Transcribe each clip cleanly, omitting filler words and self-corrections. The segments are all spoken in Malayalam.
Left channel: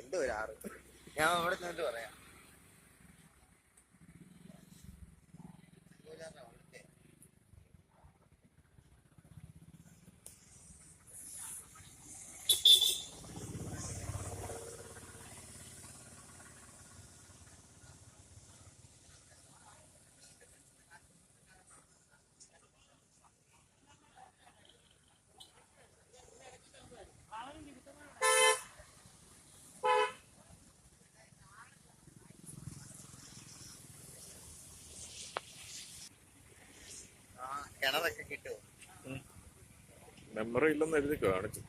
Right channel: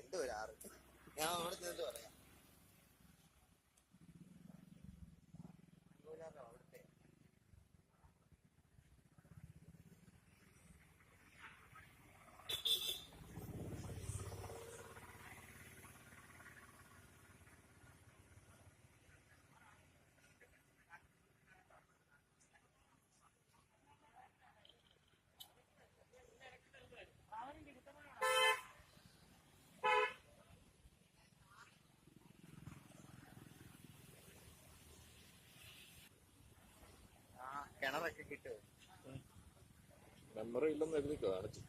എന്തോ ഒരു ആറ് ഞാൻ അവിടെ നിന്നിട്ട് പറയാം. അവിടുത്തെ കിണറൊക്കെ കിട്ടുമോ? മെമ്മറി ഇല്ലെന്ന് എഴുതി കാണിച്ചോ?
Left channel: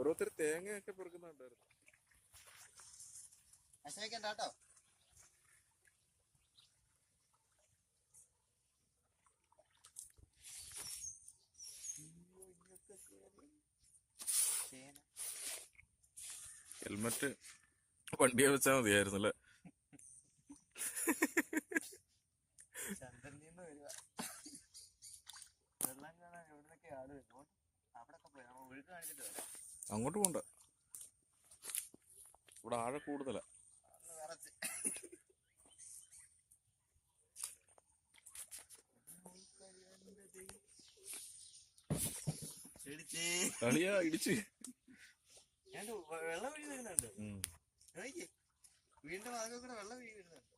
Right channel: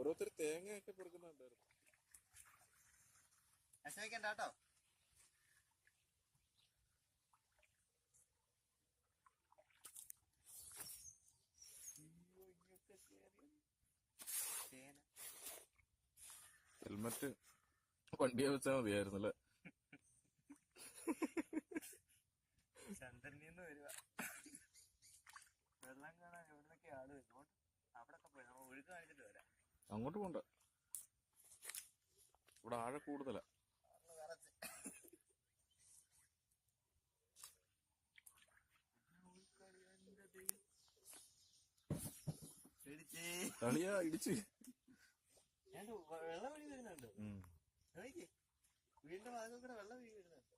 ഓരോരുത്തർ തേങ്ങയൊക്കെ പെറുക്കുന്നുണ്ടായിരുന്നു. വിഷമിക്കണ്ടോ? ഹെൽമറ്റ് വണ്ടിയെ വെച്ചാൽ മതിയായിരുന്നല്ലേ? ചന്ദ്രനിന്ന് വരുവാ വെള്ളം കാണാൻ. എവിടുന്നൊക്കെ ആള് വരുന്നു. അവിടൊക്കെ പോയി നമ്മൾ ഒഴുക്ക് കാണിച്ചിട്ട് വരാം. അങ്ങോട്ട് പോണ്ട, ഇവിടെ ആഴ കൂടുതലാ. കളിയാ ഇടിച്ച് വെള്ളം വീഴി വരുന്നുണ്ട്. വീണ്ടും അതിൽ കൂടെ വെള്ളം വീഴി വരുന്നുണ്ട്.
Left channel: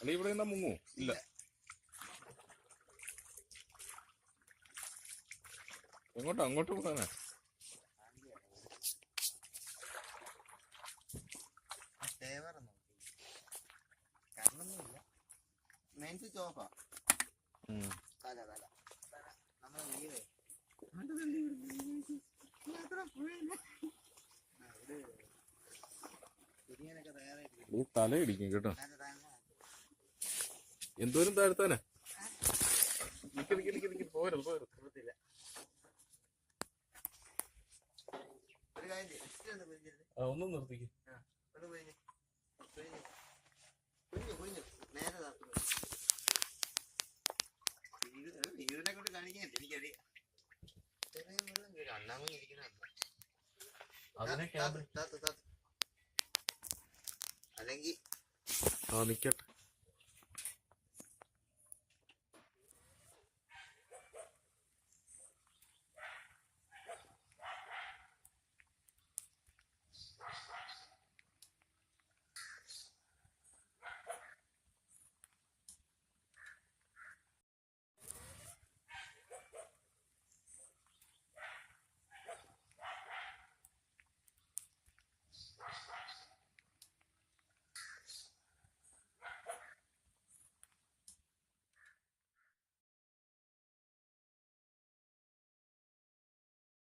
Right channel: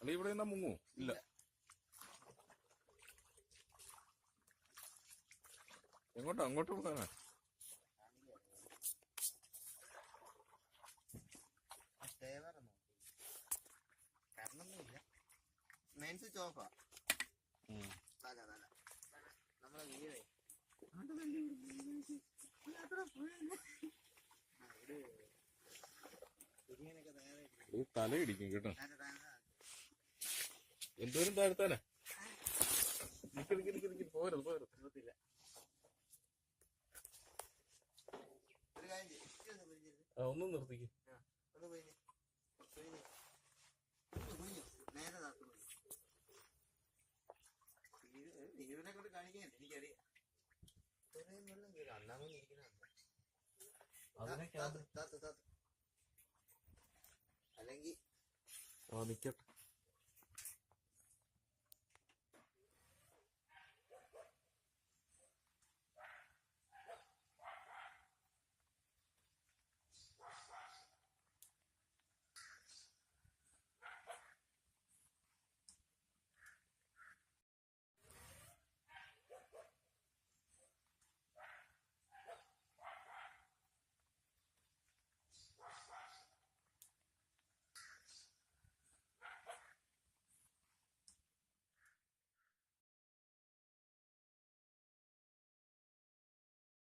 അളി ഇവിടെ എന്നാ മുങ്ങോ? ഇല്ല. എങ്ങോട്ടാ? അങ്ങോട്ട് പോകാനാ? കാരണമൊന്നുമില്ല. മെയിൻ സ്വിച്ച് ഓഫാ. തല നമ്മളെ വീട് തല ഇടിക്കും കേട്ടോ. എന്തോരം താഴ്ത്താനാ? പോരുത്. ഒന്നും നിർത്തിക്കും. നേരെ വീടിനെ കൊണ്ട് കാണിക്കാൻ എനിക്കറിയാം. അണ്ണാമൊന്നും ഇരിക്കുന്ന അല്ലെങ്കിൽ നിക്കട്ടെ.